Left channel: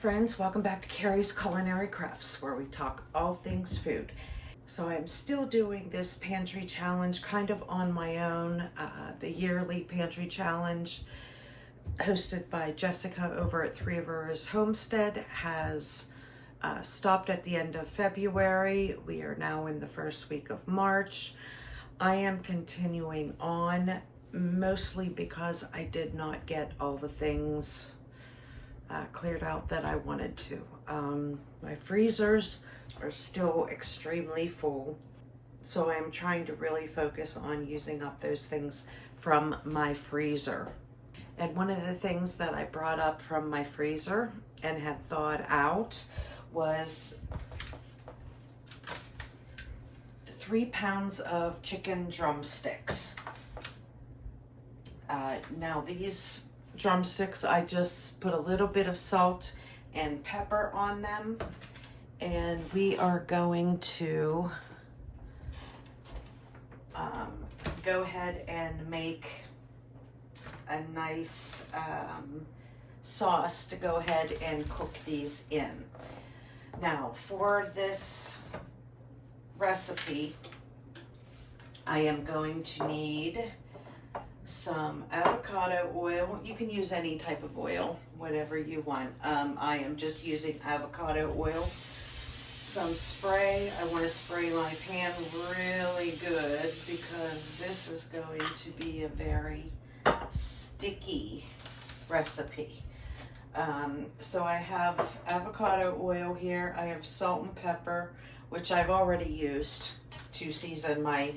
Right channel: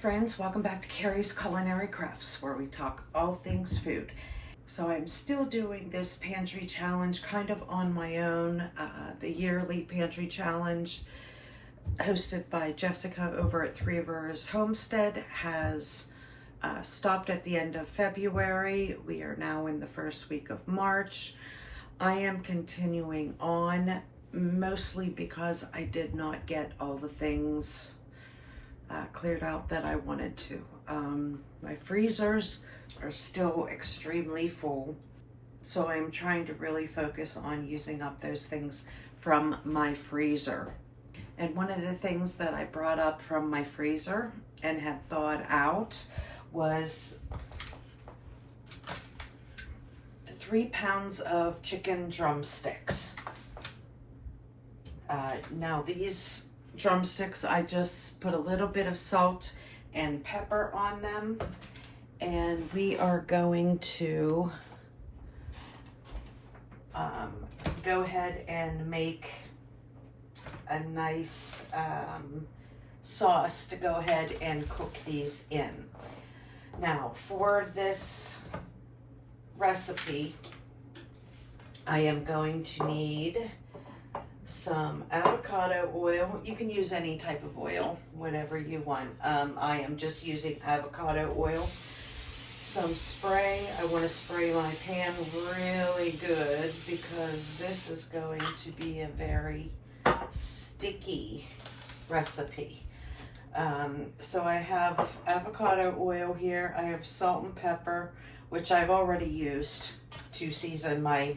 friends, welcome back to Carrie's Culinary Crafts, where we talk all things food. So I'm still doing this pantry challenge kind of on my own, the yearly pantry challenge hosted by Jessica over at Three Rivers Homestead has stopped at the end of February. We are now in the first week of March. I am continuing on mostly because I did not get all the things cleared out that I wanted to. My freezers are still extremely full, so I'm trying to really focus on using up those things from my freezer. And one of the things that I brought up from my freezer and had thawed out was 3 pounds of chicken drumsticks. Now these drumsticks, I just put a little bit of salt and pepper on them, and we are going to go ahead and make a nice sauce to go ahead and cook these in. Now for this recipe, I am going to need some avocado oil. You can use any type of oil, whatever you want. I am just using avocado oil. Some spray. I want to spray my pan really good because this is going to be a very sticky recipe. So I have avocado oil here. I have salt and pepper, which I've already used to season my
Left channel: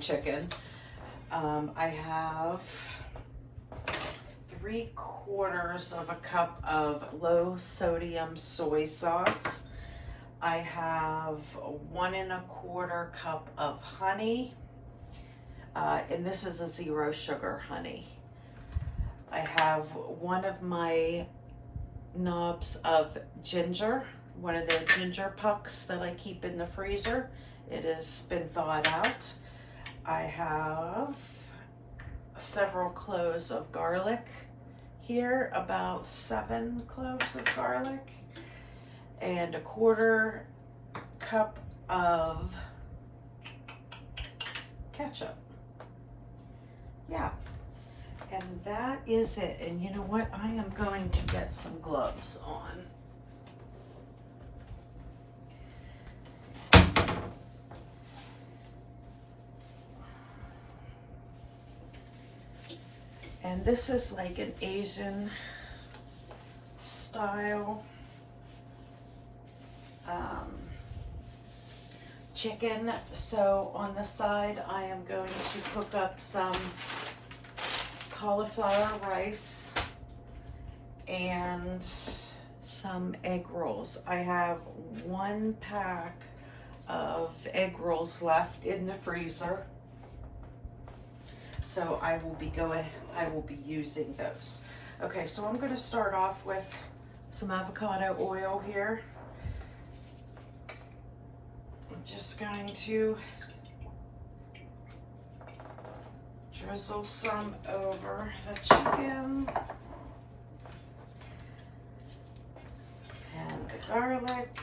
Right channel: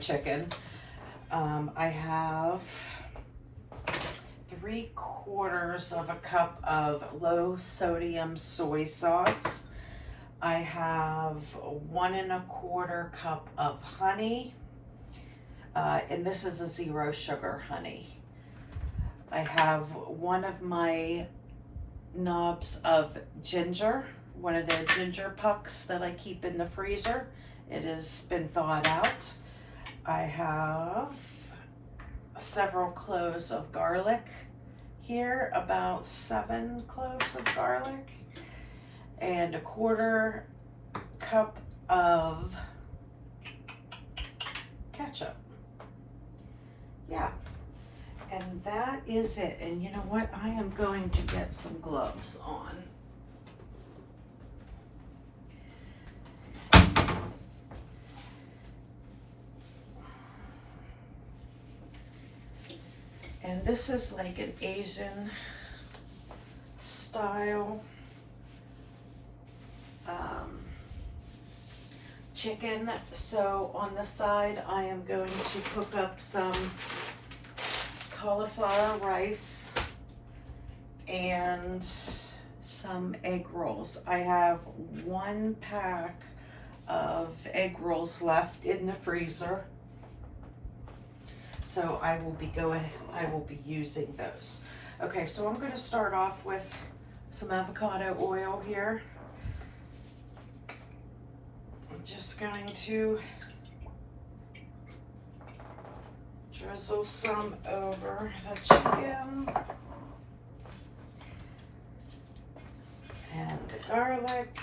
chicken. I have 3/4 of a cup of low sodium soy sauce. I have 1 1/4 cup of honey, and this is a 0 sugar honey. I have one of my knobs of ginger, one of the ginger pucks that I keep in the freezer. It has been thawed out. I have several cloves of garlic here, about 7 cloves of garlic, and 1/4 cup of ketchup. Yeah, and that is it. And you know what? I am going to get some gloves on. And this is like an Asian style chicken. So on the side, I am going to cook up some cauliflower rice and some egg rolls. I have 1 pack of egg rolls left in the freezer. So I will be using those. Okay, so I'm going to start off with some avocado oil here. I'm just going to drizzle some over the chicken and the garlic.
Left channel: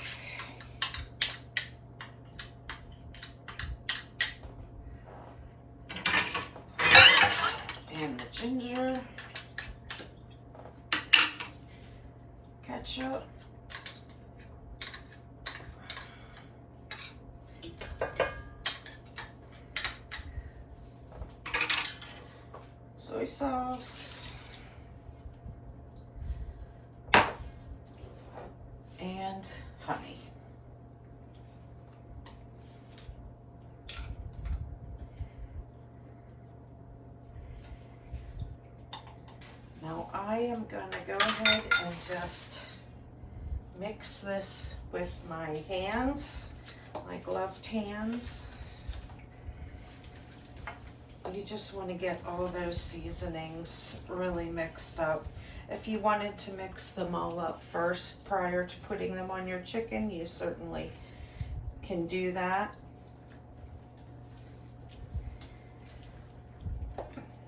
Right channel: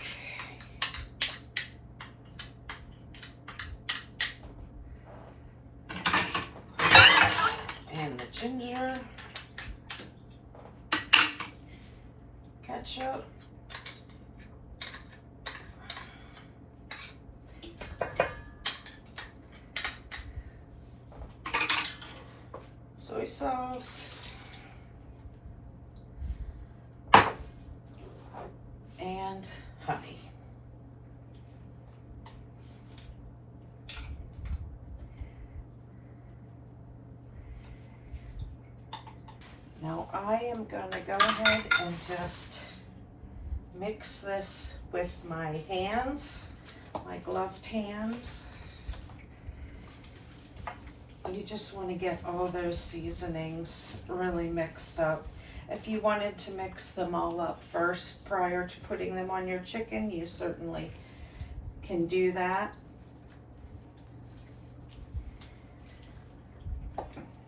And the ginger, ketchup, soy sauce, and honey. Now I am going to go ahead and just mix this with my hands, my gloved hands. You just want to get all those seasonings really mixed up. If you wanted to mix them all up first prior to putting them on your chicken, you certainly can do that.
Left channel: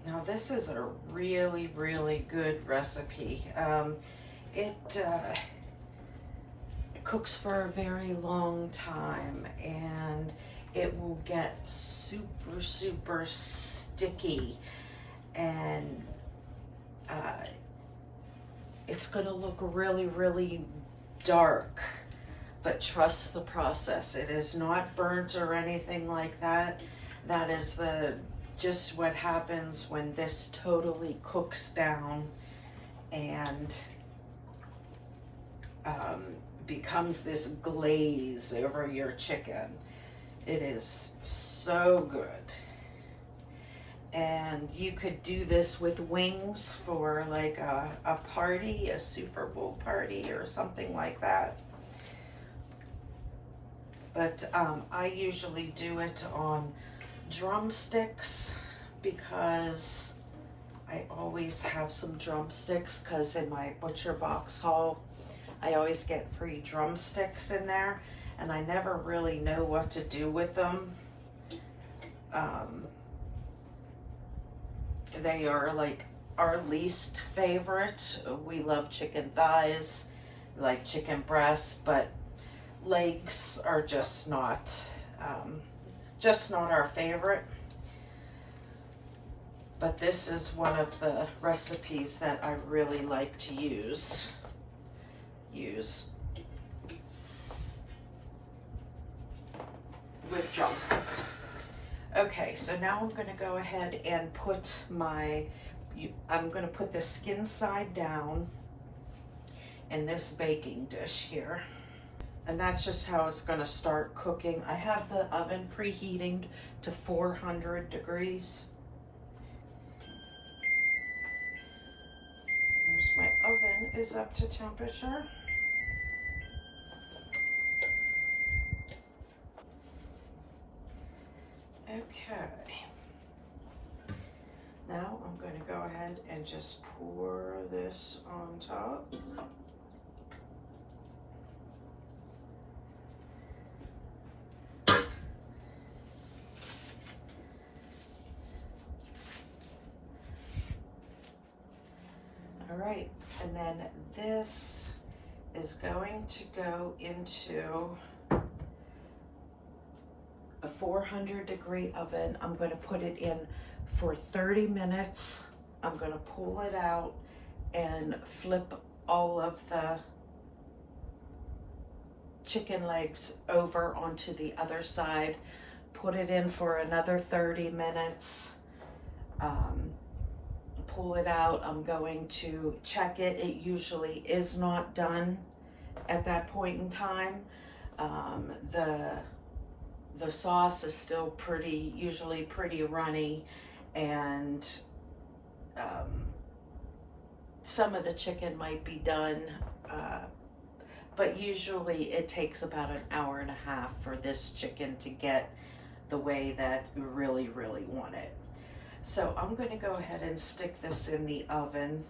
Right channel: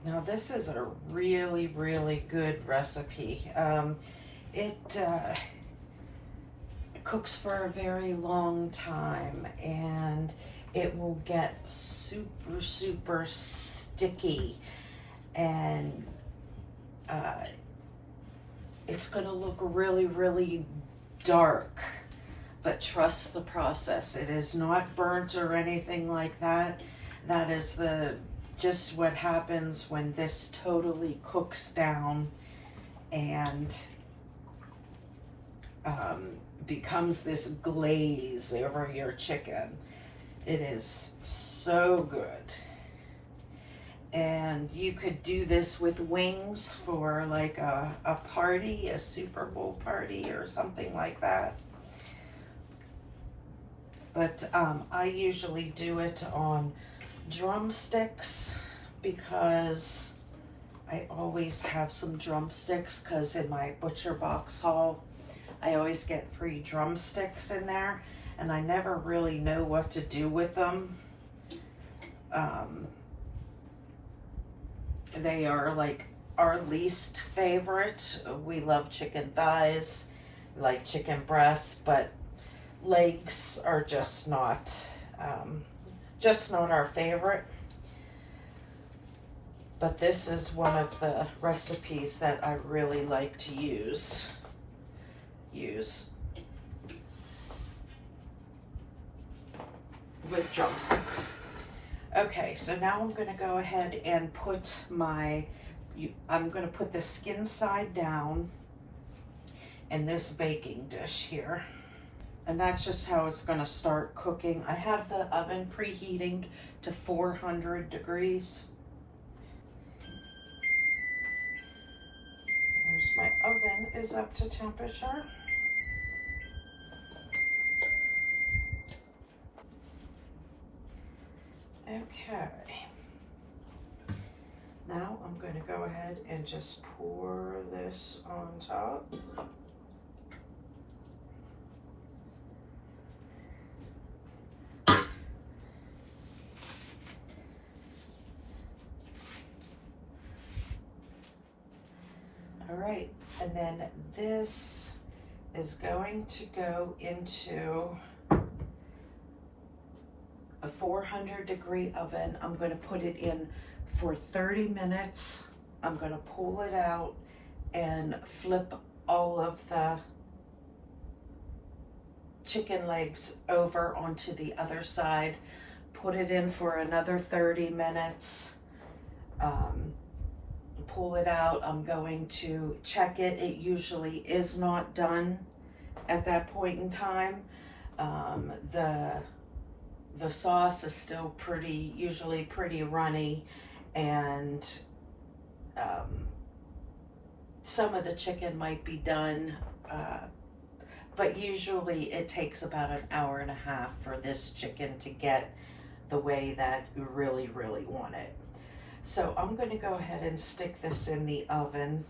Now this is a really, really good recipe. It it cooks for a very long time, and it will get super, super sticky, and it's gonna look really, really dark. But trust the process. It is not burnt or anything like that. That is just what happens when this totally cooks down and becomes this glaze over your chicken. It is so good. And you could do this with wings for like a party, a Super Bowl party or something like that. But I usually do it on drumsticks because I always have some drumsticks, because in my butcher box haul I always get free drumsticks in there, and I never really know what to do with them. They are like our least favorite. We love chicken thighs, like chicken breasts, but legs are just not our favorite. But this is one of the recipes that I really like to use with drumsticks. Okay, so now I'm going to go ahead and put I'm going to put the skin side down in this baking dish here. And that's just how it's going to start cooking. I have the oven preheating to 400 degrees. There's my oven is up to temperature. Okay. Now I'm going to go ahead and just pour this on top. All right, and then this is going to go into a 400-degree oven. I'm going to put it in for 30 minutes. I'm going to pull it out and flip all of the chicken legs over onto the other side. Put it in for another 30 minutes. Pull it out. I'm going to check it. It usually is not done at that point in time. The sauce is still usually pretty runny, and some of the chicken might be done, but usually it takes about an hour and a half for this chicken to get the way that you really, really want it. So I'm going to go ahead and stick this in the oven.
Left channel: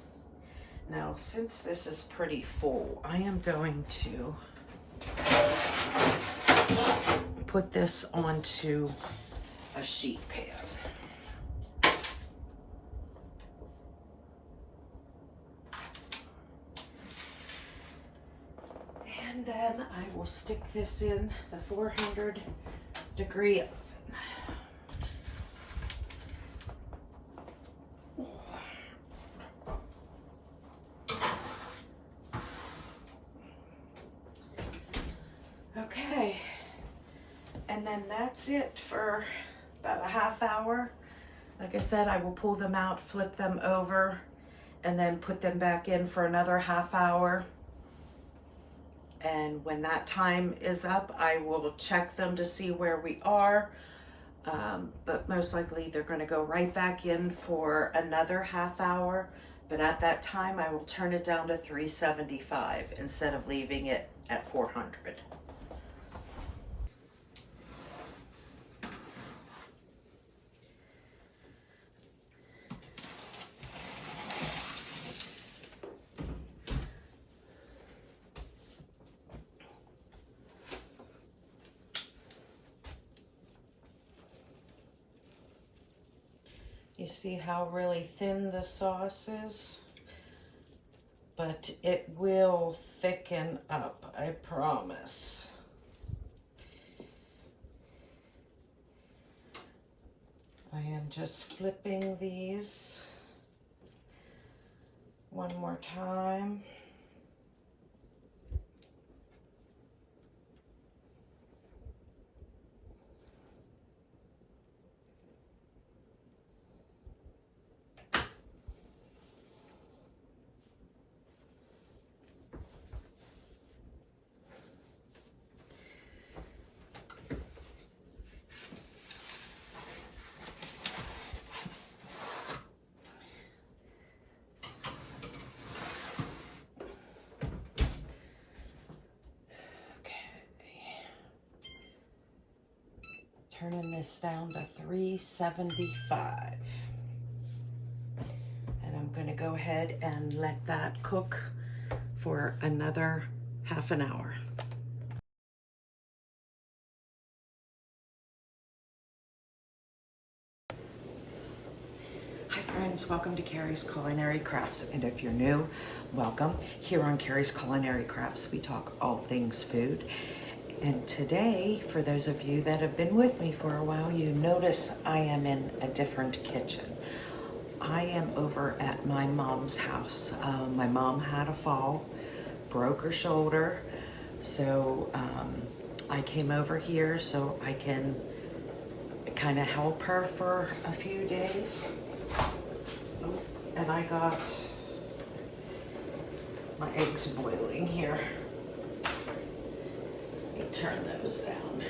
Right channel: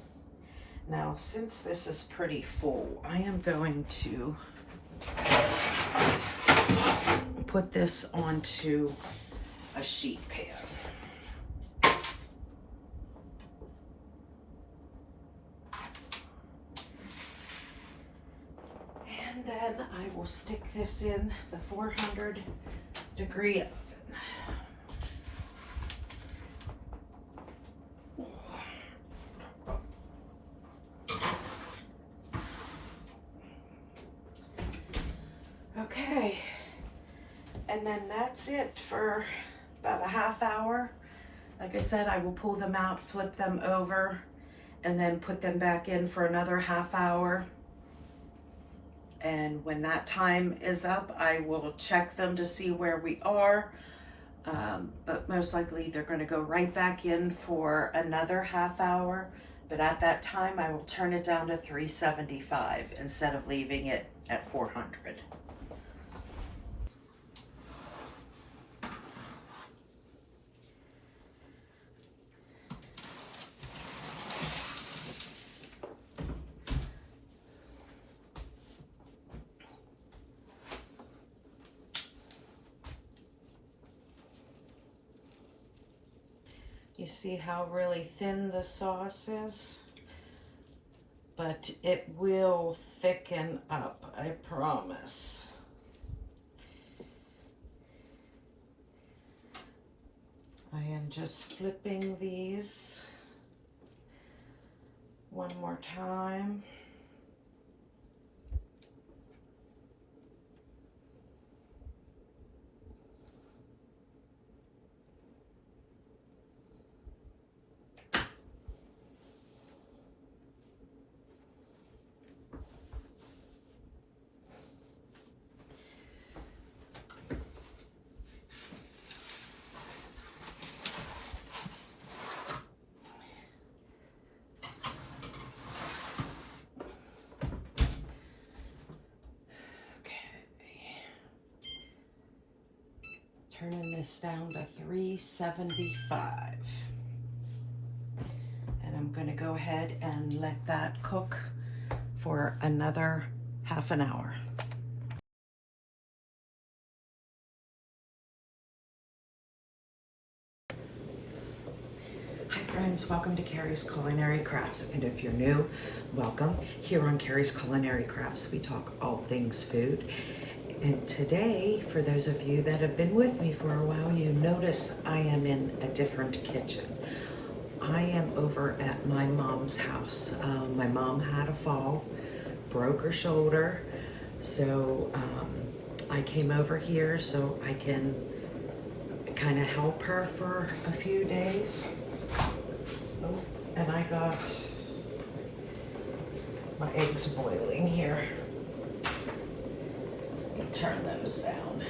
Now, since this is pretty full, I am going to put this onto a sheet pan. And then I will stick this in the 400-degree oven. Okay, and then that's it for about a half hour. Like I said, I will pull them out, flip them over, and then put them back in for another half hour. And when that time is up, I will check them to see where we are. But most likely they're going to go right back in for another half hour. But at that time, I will turn it down to 375 instead of leaving it at 400. You see how really thin the sauce is? but it will thicken up, I promise. I am just flipping these one more time. Turning this down to 375. And I'm going to go ahead and let that cook for another half an hour. Hi friends, welcome to Carrie's Culinary Crafts. And if you're new, welcome. Here on Carrie's Culinary Crafts, we talk all things food. And today, for those of you that have been with me for a while, you notice I am in a different kitchen. I am over at my mom's house. My mom had a fall, broke her shoulder, so I came over here so I can kind of help her for a few days. Oh, and I got my eggs boiling here. Let me turn those down.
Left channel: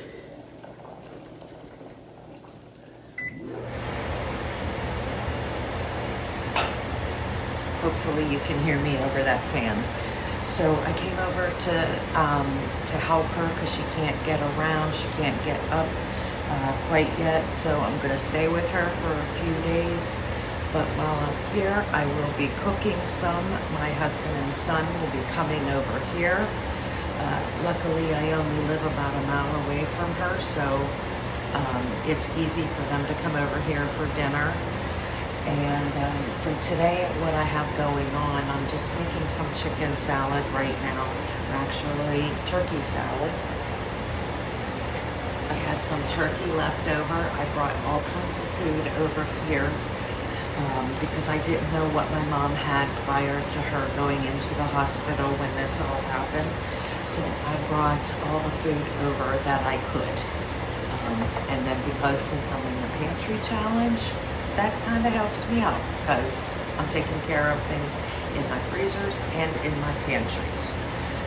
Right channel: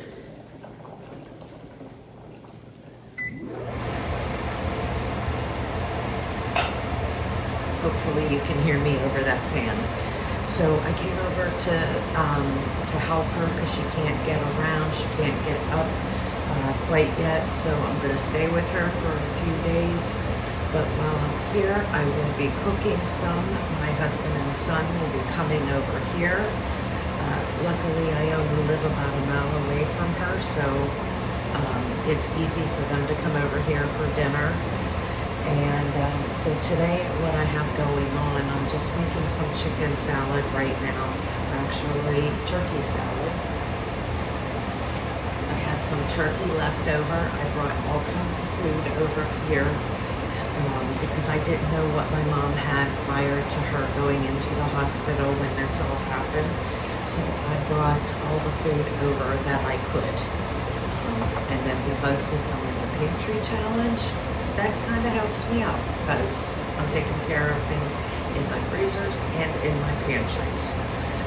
Hopefully you can hear me over that fan. So I came over to help her because she can't get around, she can't get up quite yet. So I'm going to stay with her for a few days. But while I'm here, I will be cooking some. My husband and son will be coming over here. Luckily, I only live about a mile away from her, so it's easy for them to come over here for dinner. And so today, what I have going on, I'm just making some chicken salad right now. Actually, turkey salad. I had some turkey left over. I brought all kinds of food over here because I didn't know what my mom had prior to her going into the hospital when this all happened. So I brought all the food over that I could. And then because since I'm in the pantry challenge, that kind of helps me out because I'm taking care of things in my freezers and in my pantries.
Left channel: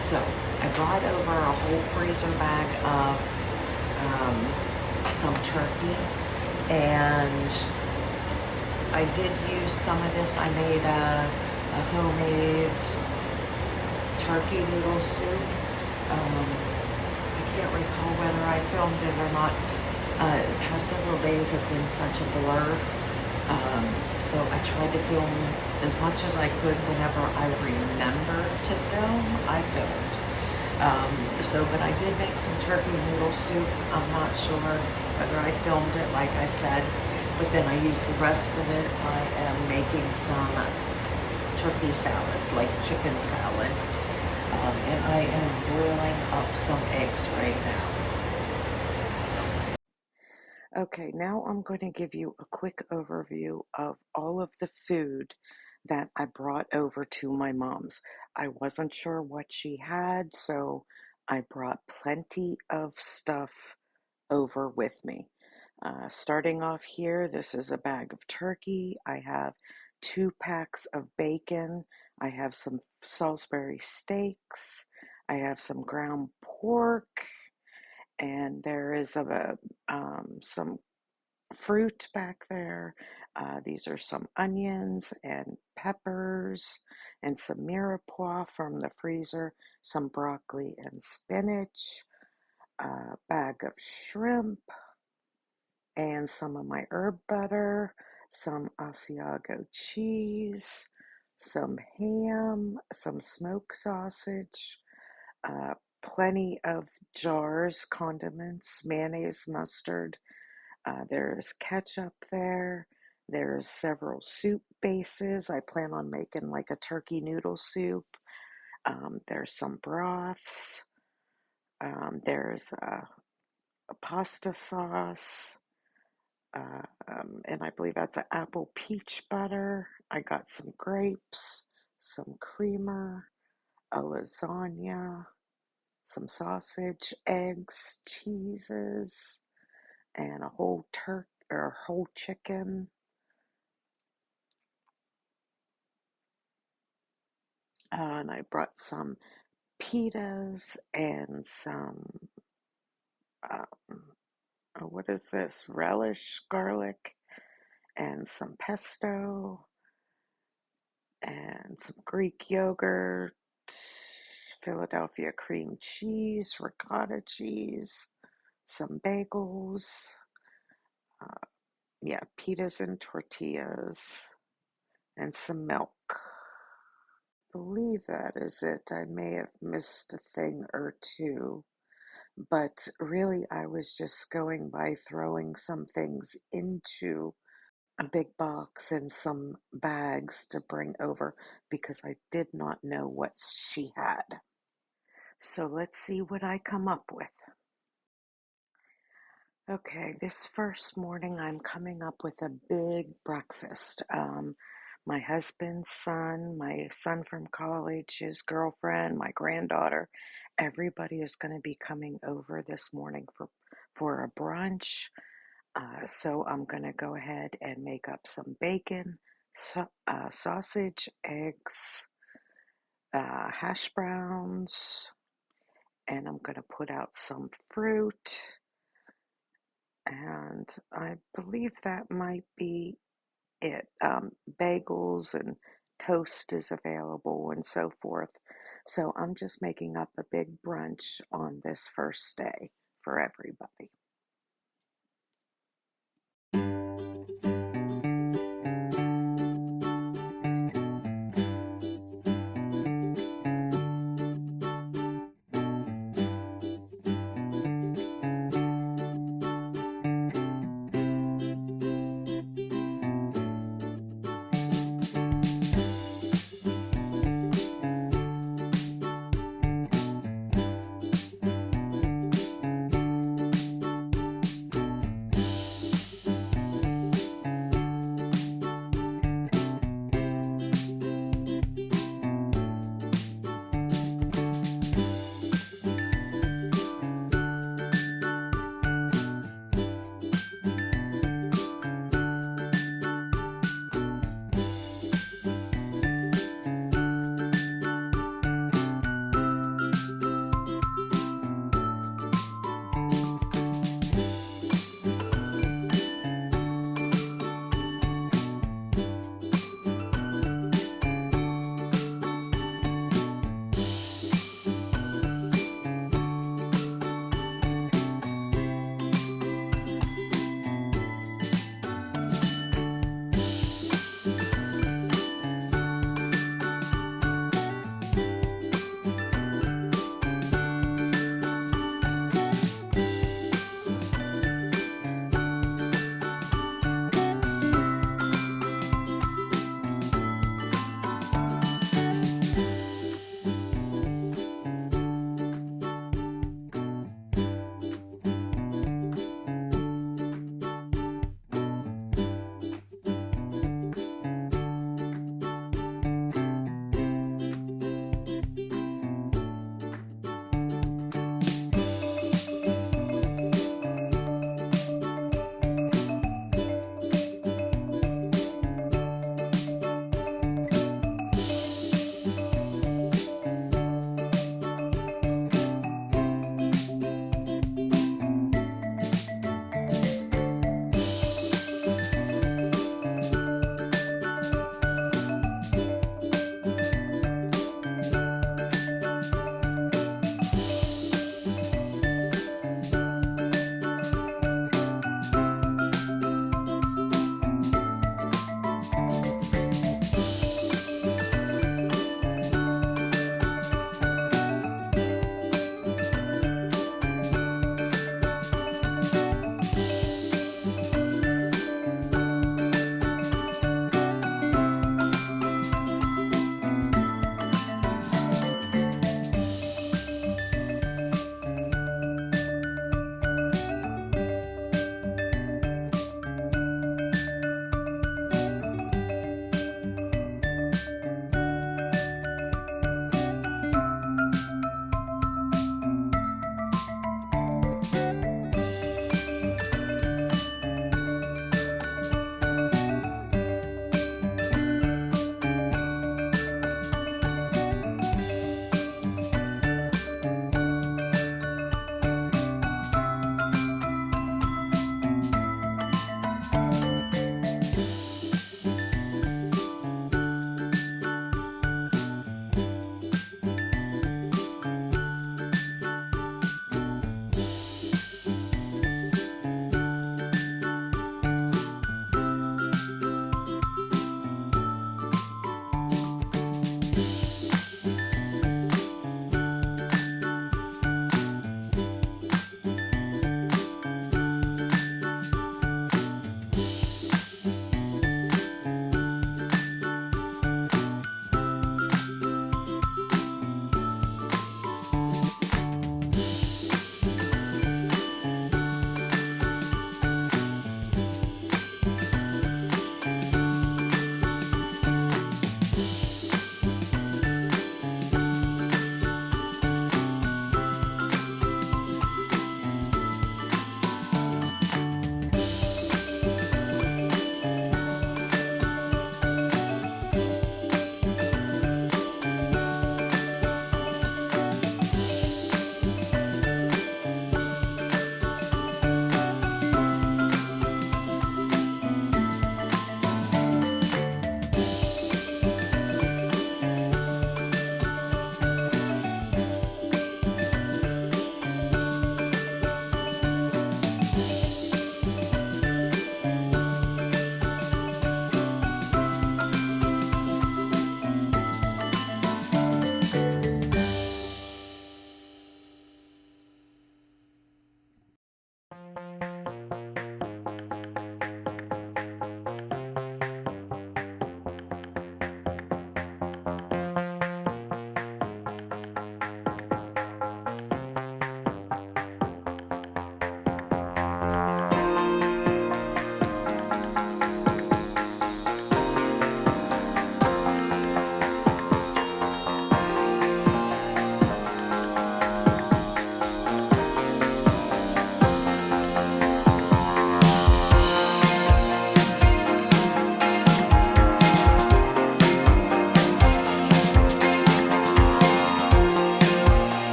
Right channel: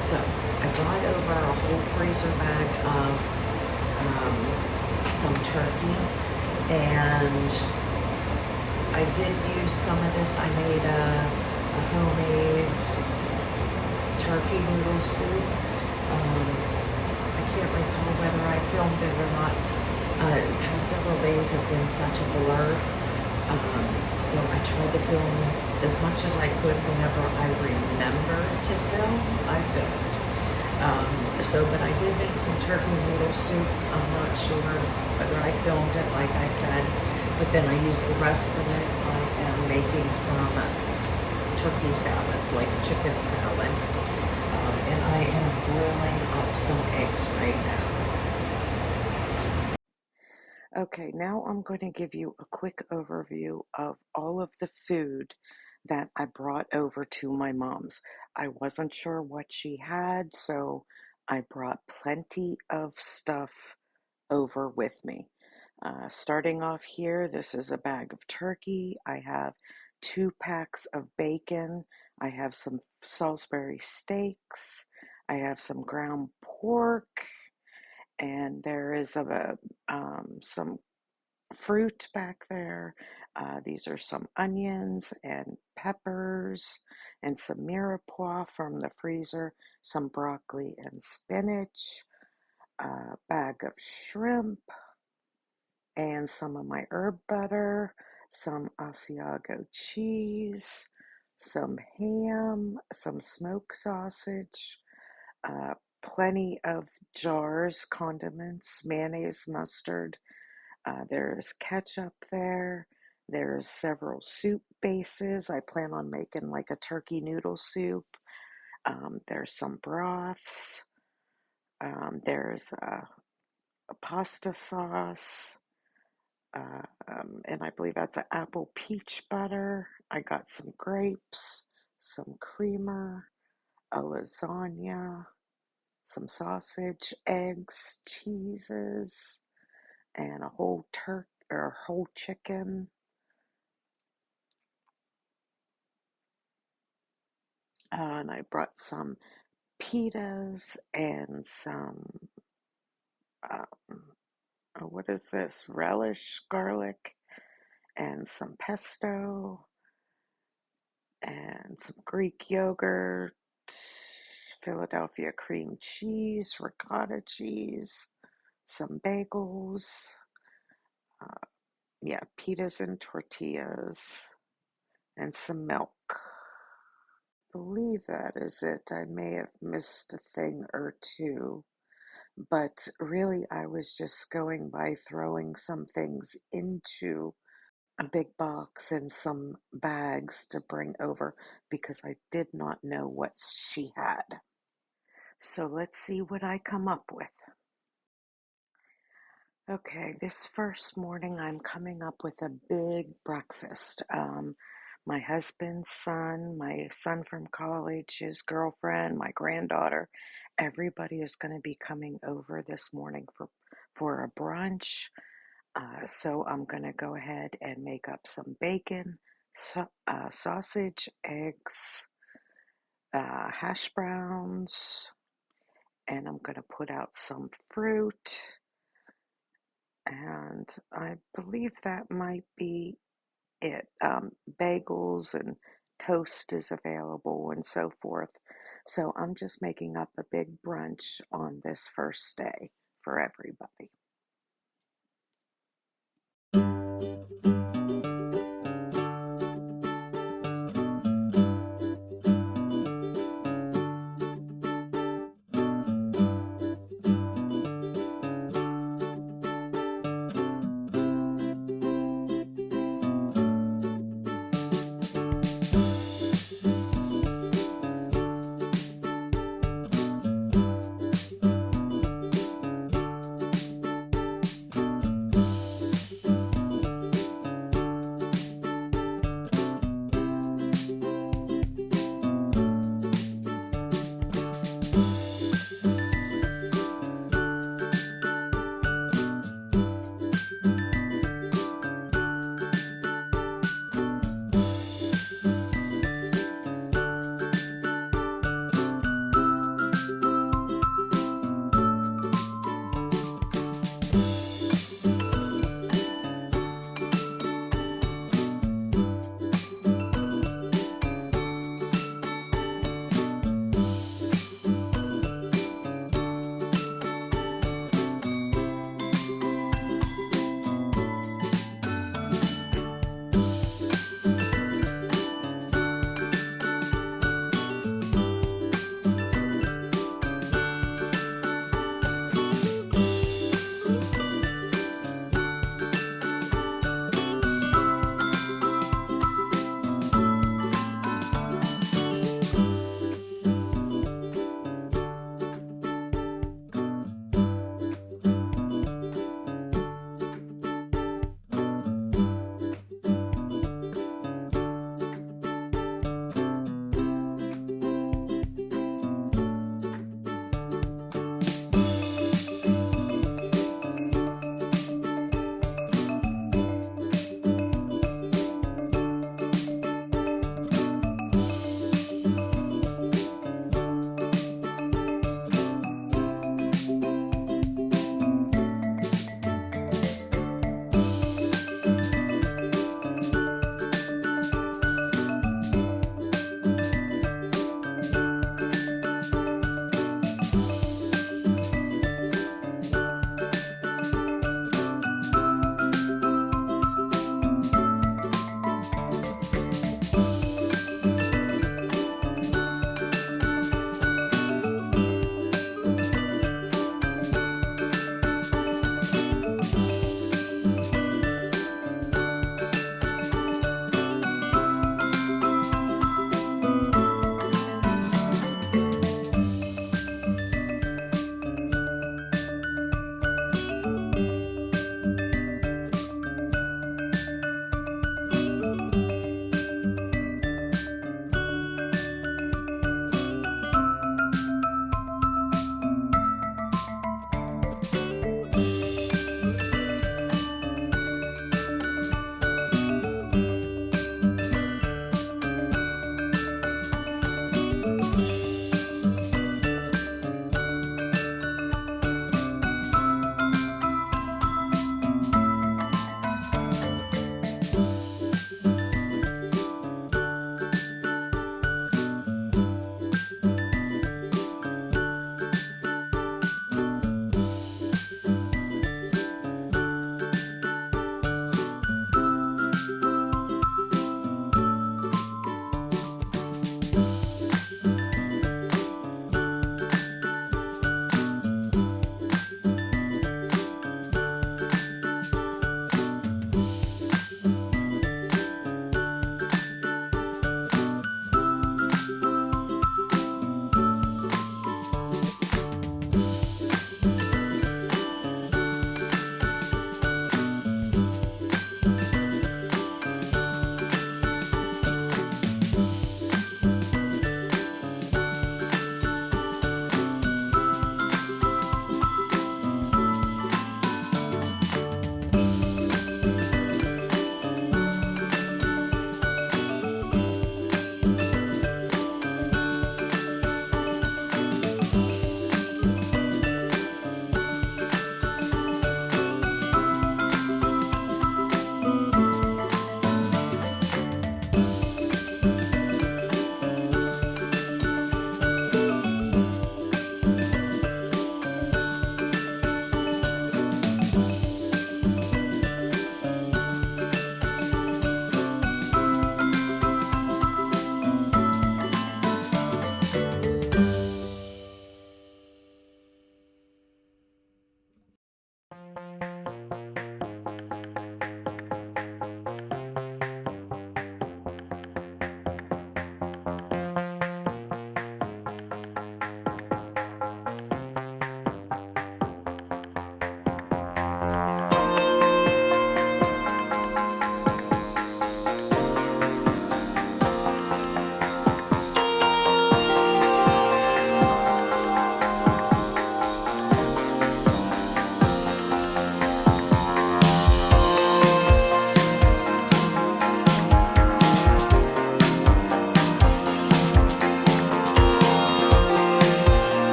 So I brought over a whole freezer bag of some turkey, and I did use some of this. I made a homemade turkey noodle soup. I can't recall whether I filmed it or not. The past several days have been such a blur. So I tried to film as much as I could whenever I remember to film, I filmed. But I did make some turkey noodle soup. I'm not sure whether I filmed it like I said, but then I used the rest of it. I am making some turkey salad, like chicken salad, and I am boiling up some eggs right now. Okay, now I'm going to give you a quick overview of all of the food that I brought over to my mom's. I wasn't sure what she had, so I brought plenty of stuff over with me. Starting off here, this is a bag of turkey. I have 2 packs of bacon. I have some Salisbury steaks. I have some ground pork, and there is some fruit back there. These are some onions and peppers and some mirepoix from the freezer, some broccoli and spinach, a bag of shrimp, and some of my herb butter, some Asiago cheese, some ham, some smoked sausage, plenty of jars, condiments, mayonnaise, mustard. There's ketchup there. There's several soup bases. I plan on making like a turkey noodle soup. There's some broths. There's a pasta sauce. And I believe that's an apple peach butter. I got some grapes, some creamer, a lasagna, some sausage, eggs, cheeses, and a whole turkey or whole chicken. And I brought some pitas and some, what is this? Relish garlic and some pesto and some Greek yogurt, Philadelphia cream cheese, ricotta cheese, some bagels, yeah, pitas and tortillas, and some milk. I believe that is it. I may have missed a thing or two, but really I was just going by throwing some things into a big box and some bags to bring over because I did not know what she had. So let's see what I come up with. Okay, this first morning I'm coming up with a big breakfast. My husband's son, my son from college, his girlfriend, my granddaughter, everybody is going to be coming over this morning for a brunch. So I'm going to go ahead and make up some bacon, sausage, eggs, hash browns, and I'm going to put out some fruit. And I believe that might be it. Bagels and toast is available and so forth. So I'm just making up a big brunch on this first day for everybody.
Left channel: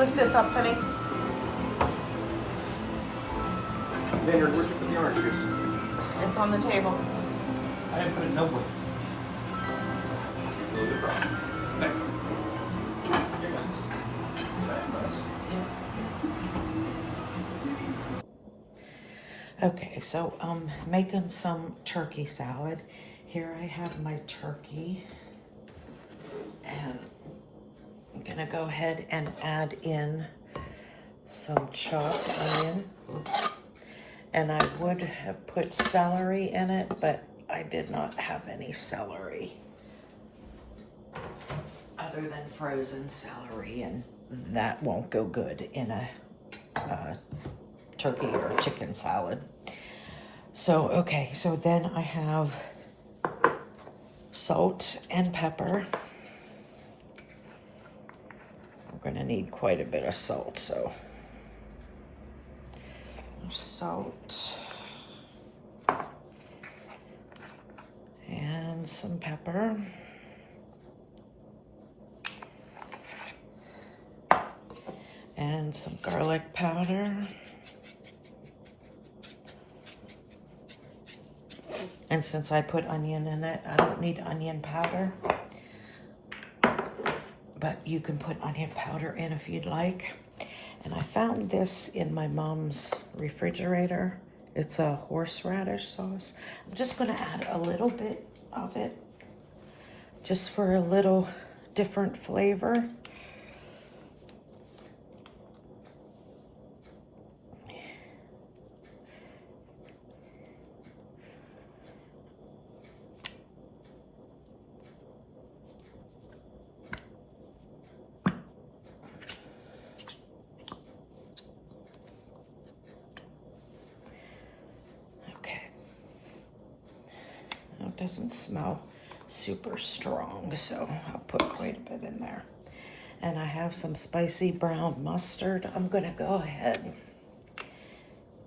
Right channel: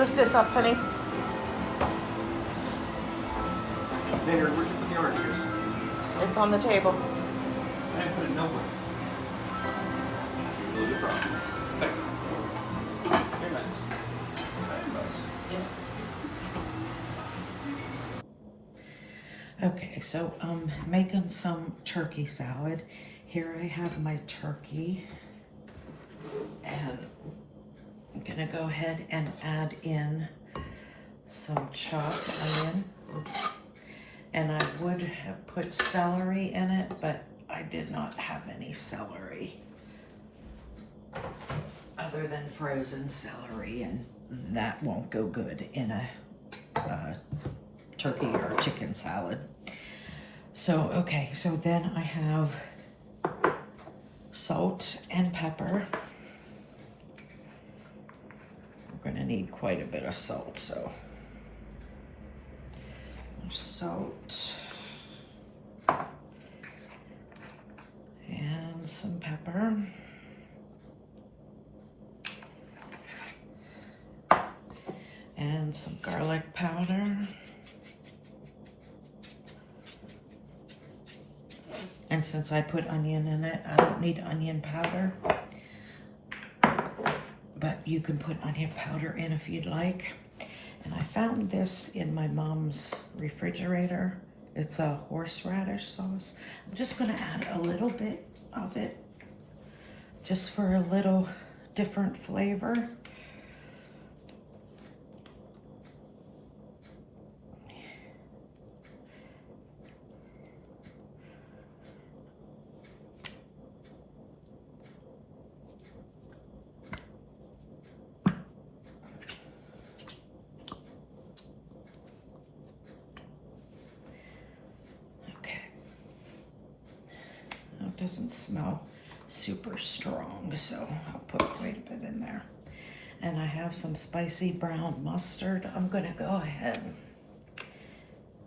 lift this up, honey? Vineyard, where'd you put the orange juice? It's on the table. I didn't put it nowhere. Usually your problem. Thanks. You're nice. Okay, so I'm making some turkey salad. Here I have my turkey, and I'm gonna go ahead and add in some chopped onion. And I would have put celery in it, but I did not have any celery other than frozen celery, and that won't go good in a turkey or chicken salad. So, okay, so then I have salt and pepper. We're gonna need quite a bit of salt, so salt and some pepper. And some garlic powder. And since I put onion in it, I don't need onion powder. But you can put onion powder in if you'd like. And I found this in my mom's refrigerator. It's a horseradish sauce. I'm just gonna add a little bit of it just for a little different flavor. Doesn't smell super strong, so I'll put quite a bit in there. And I have some spicy brown mustard. I'm gonna go ahead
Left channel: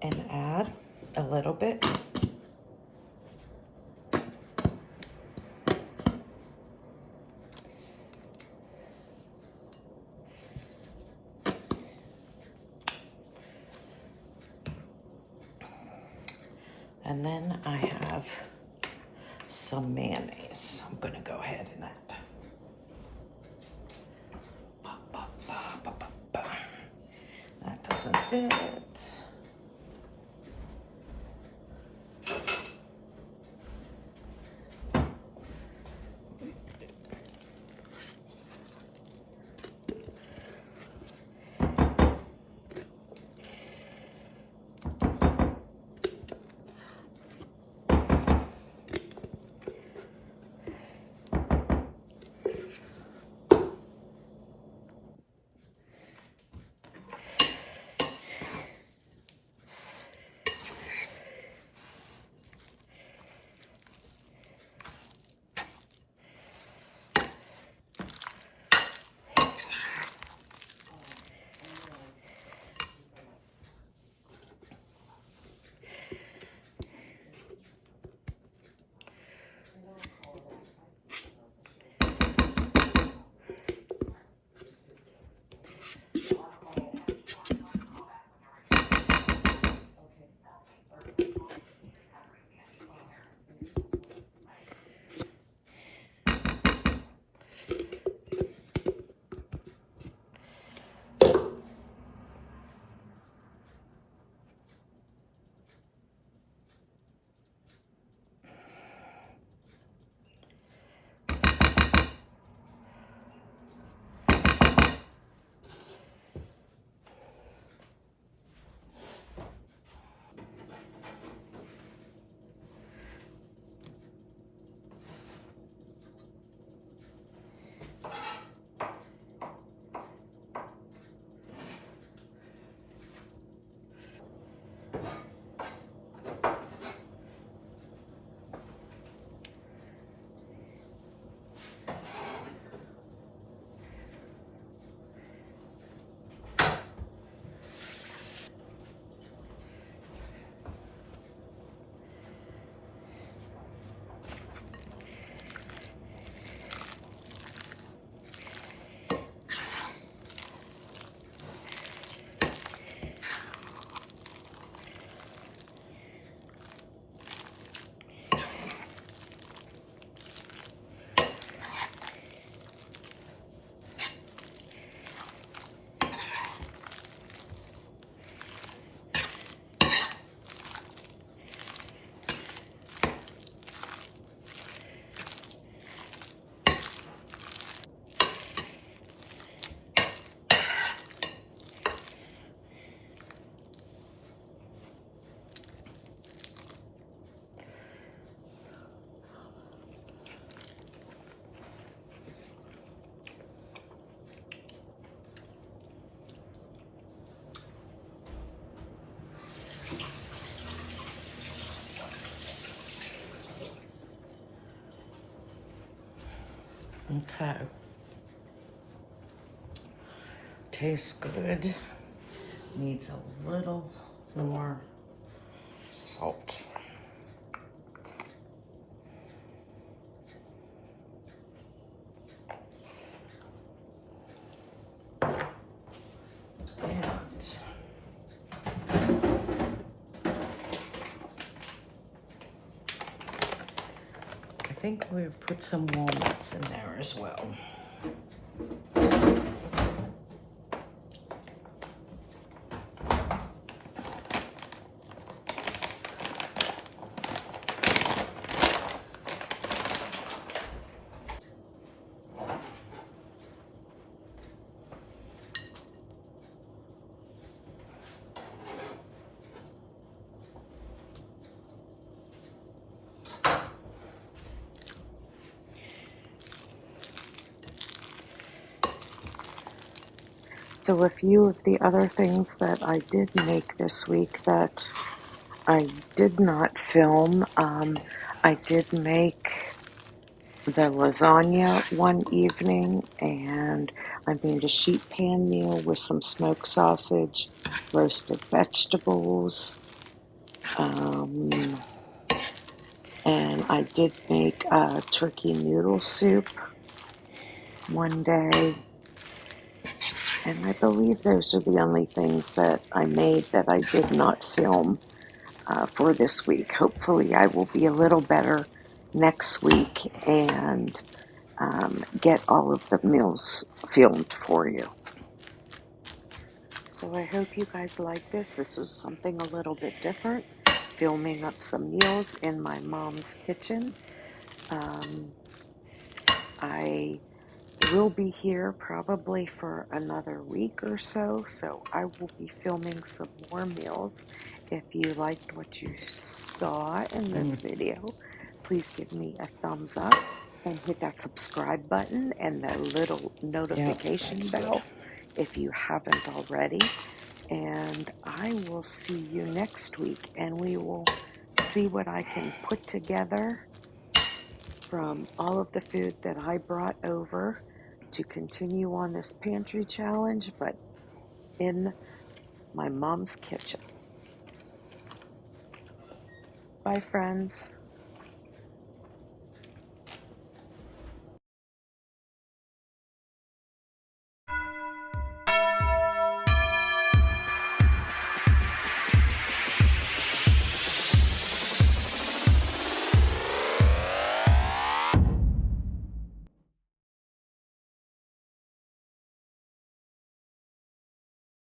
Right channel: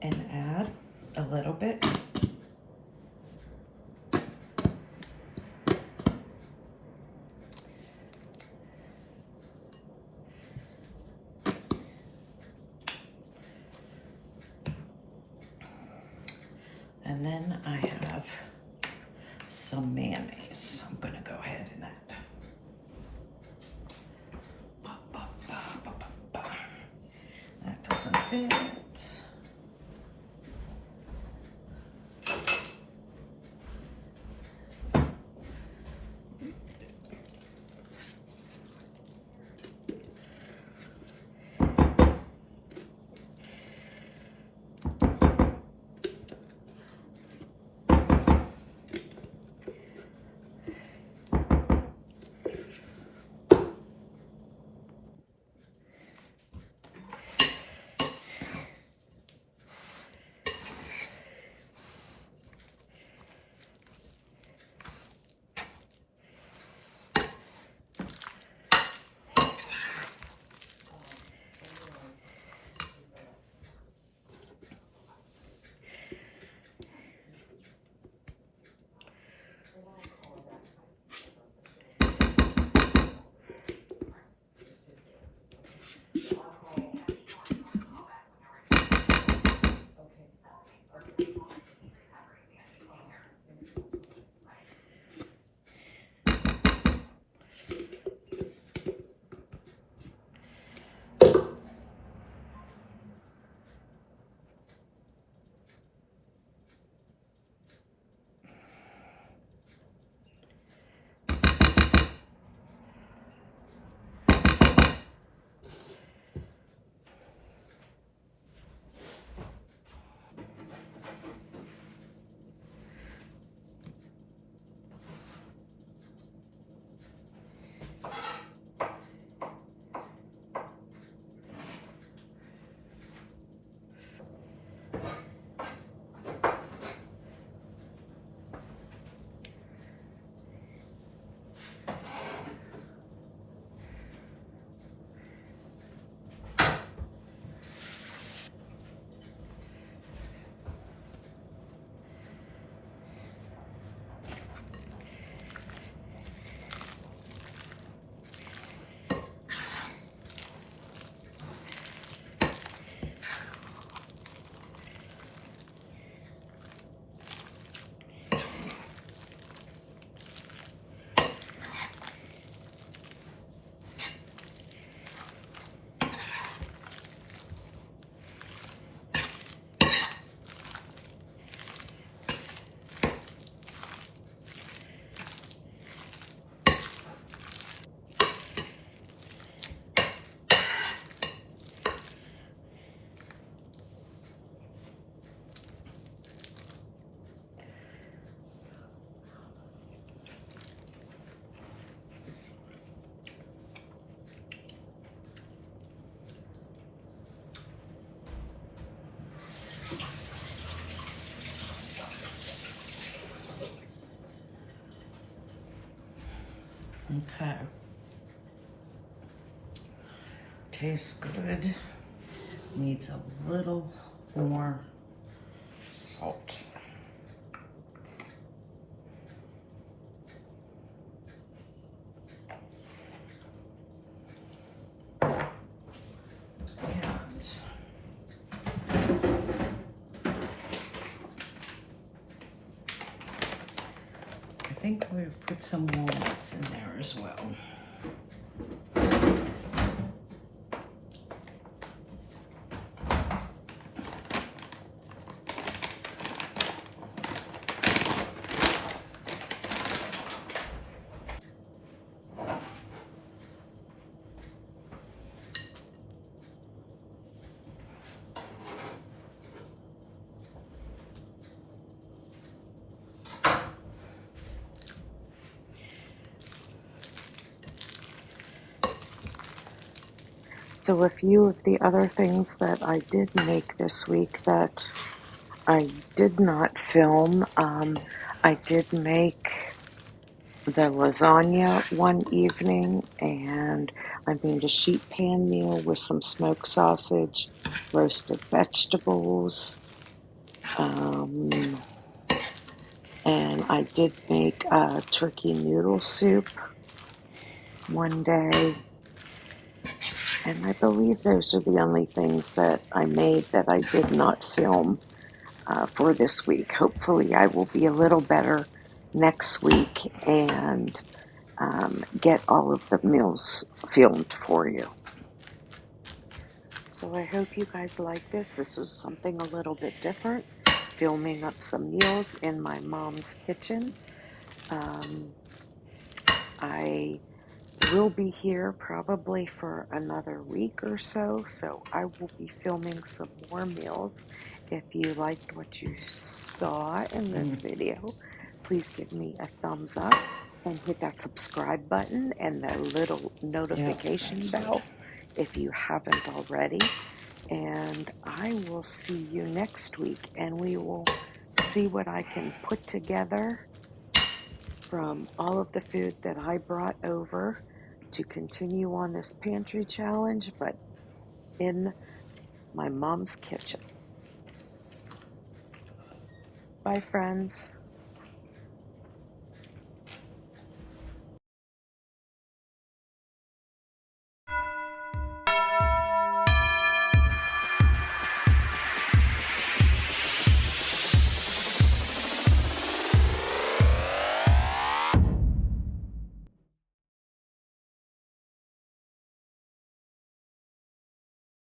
and add a little bit. And then I have some mayonnaise. I'm gonna go ahead and add. That doesn't fit. Okay. Tastes good. Needs a little more salt. And I think we put some walnuts in there as well. So a few of the other things that I did make this week that I did not film, I did make the lasagna one evening, and I made a sheet pan meal with some smoked sausage, roasted vegetables, and I did make a turkey noodle soup one day. And I believe those are the only things that I made that I did not film for this week. Hopefully, I will be a little better next week and get all of the meals filmed for you. So I hope you guys like this. This was something a little bit different, filming up some meals in my mom's kitchen. I will be here probably for another week or so, so I will be filming some more meals. If you liked what you saw in this video, please give me a thumbs up and hit that subscribe button and the little Yep, notification that's good. bell if you haven't already. And I will see you next week, and we will see what I can put together from all of the food that I brought over to continue on this pantry challenge, but in my mom's kitchen. Bye, friends.